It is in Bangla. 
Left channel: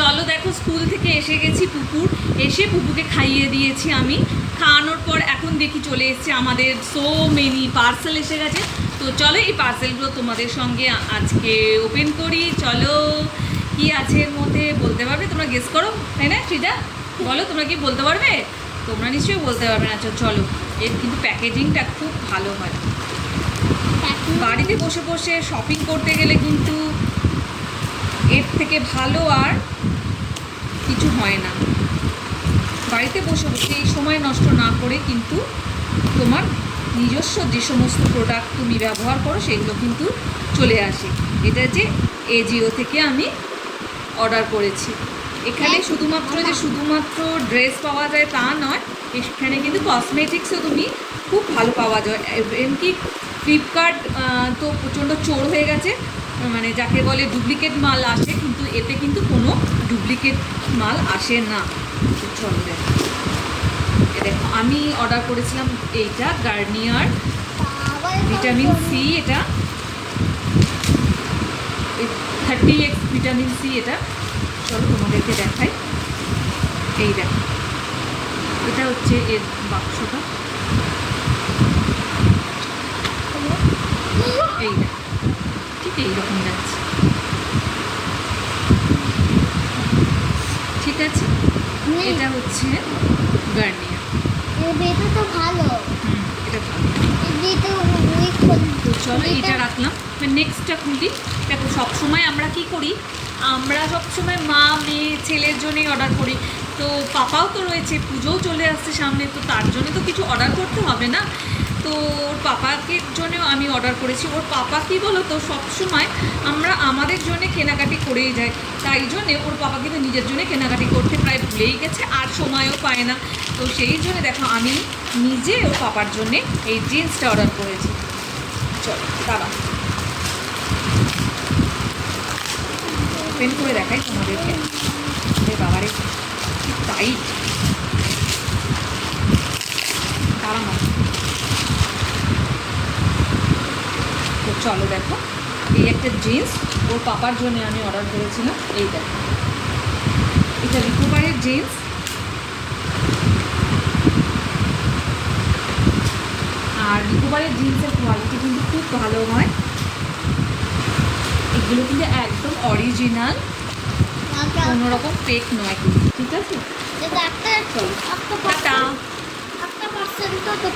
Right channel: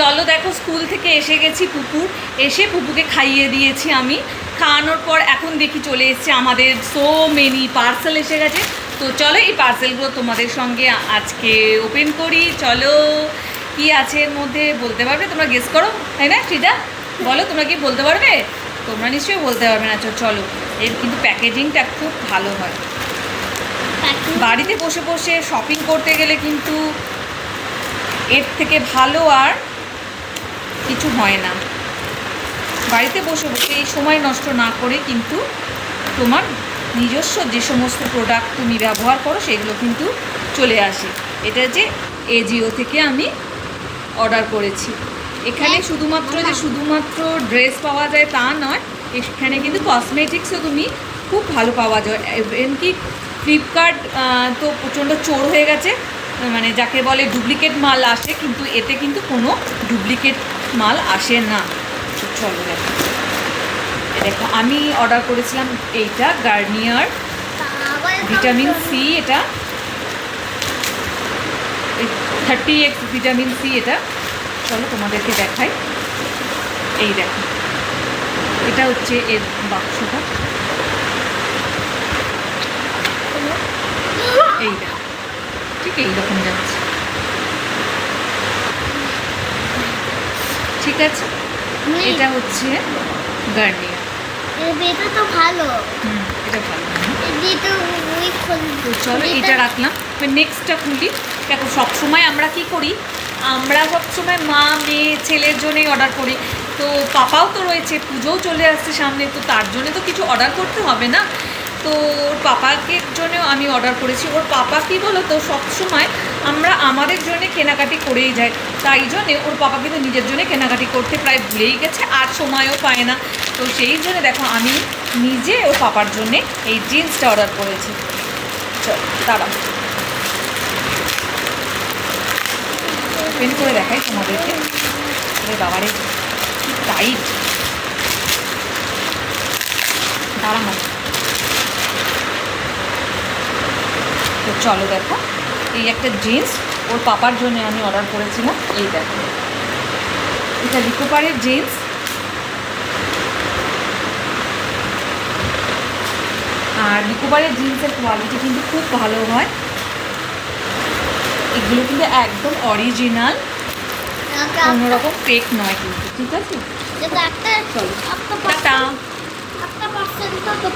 চলো দেখো, স্কুল থেকে এসে গেছি পুকুর, এসে পুপুকে খাইয়ে দিয়েছি আমি। খাওয়ানোর পর এখন দেখি চলে এসছে আমাদের সো মেনি পার্সেল এসে গেছে। তো চলো এই পার্সেলগুলো তোমাদের সঙ্গে আজকে ওপেন করি। চলো, কি আছে এর মধ্যে বলতে পারবে? তোমরা গেস করো, তাই না? সৃজা বলো, তোমরা কি বলতে পারবে? তোমরা নিশ্চয়ই বলতে পারবে না। চলো, এর কিন্তু প্যাকেজিংটা খুব ভালো হয়। বাড়িতে বসে বসে শপিং করতে গেলে কিন্তু এর থেকে ভালো আর কিছু হয় না। বাড়িতে বসে বসে এই সময় নষ্ট না করে কিন্তু তোমার নিজস্ব যে সমস্ত প্রোডাক্ট তুমি ব্যবহার করো সেগুলো কিন্তু চলে আসে। এটা যে এজিও থেকে আমি অর্ডার করেছি। এখানে শুধুমাত্র ড্রেস পাওয়া যায় তা নয়, এখানে কিন্তু কসমেটিক্সও তুমি খুব ভালো পাওয়া যায়। এমনকি ফ্লিপকার্ট তো প্রচণ্ড চোর হয়ে গেছে, মানে যাকে বলে ডুপ্লিকেট মাল আসে, কিন্তু এতে কিন্তু কোনো ডুপ্লিকেট মাল আসে না। চলো দেখো, আমি অর্ডার করেছিলাম এইটা গার্নিয়ার ভিটামিন সি, এটা 30x ভিটামিন সি। এটা চলো তোমাদেরকে দেখাই। এই দেখো, এটা হচ্ছে এর বাক্সটা। এই দেখো, ঠিক এইরকম যাচ্ছে, ঠিক আছে? এটা হচ্ছে গার্নিয়ার। এটা তো ভালো। এটা ভালো। তো চলো এটা রাখলাম। নেক্সটটা খুলি। দেখো, সবসময় আমরা কি করি, আমরা সবসময় মা মেয়ে ছেলের জন্যই অর্ডার করি। তো পাপাও তো রয়েছে, পুজোও চলে আসছে সামনে, তো তার জন্য তো কিছু অর্ডার করতে হবে না। তো ওর পাপাকে জন্যও আমি অর্ডার করেছি। ওর পাপা কী বলো তো, সবসময় আমরা আমাদের জন্যে কেনাকাটি করেই যাই, তাই জন্যে ওর পাপাকে তো নিজের জন্যে কেনাকাটি করতে প্রায় ভুলেই গেছে, আর সময়ও পায় না। তো সেই জন্য দেখো, আমি নিজে ওর পাপার জন্যে এই জিন্সটা অর্ডার করেছি। চলো দাঁড়াও, ওপেন করে দেখাই তোমাদেরকে। বাবারে টাইট, দাঁড়া না। তো চলো দেখো, এই একটা জিন্স ওর পাপার জন্য আমি অর্ডার করেছিলাম। এই দেখো, এটা রিকোভারের জিন্স। আর রিকোভারের জিন্সের কোয়ালিটি কিন্তু খুব ভালো হয়। এগুলো কিন্তু একদম অরিজিনাল, কোনোরকম ফেক নয় কিন্তু, ঠিক আছে? একটা চলো, পার্সেন্ট তো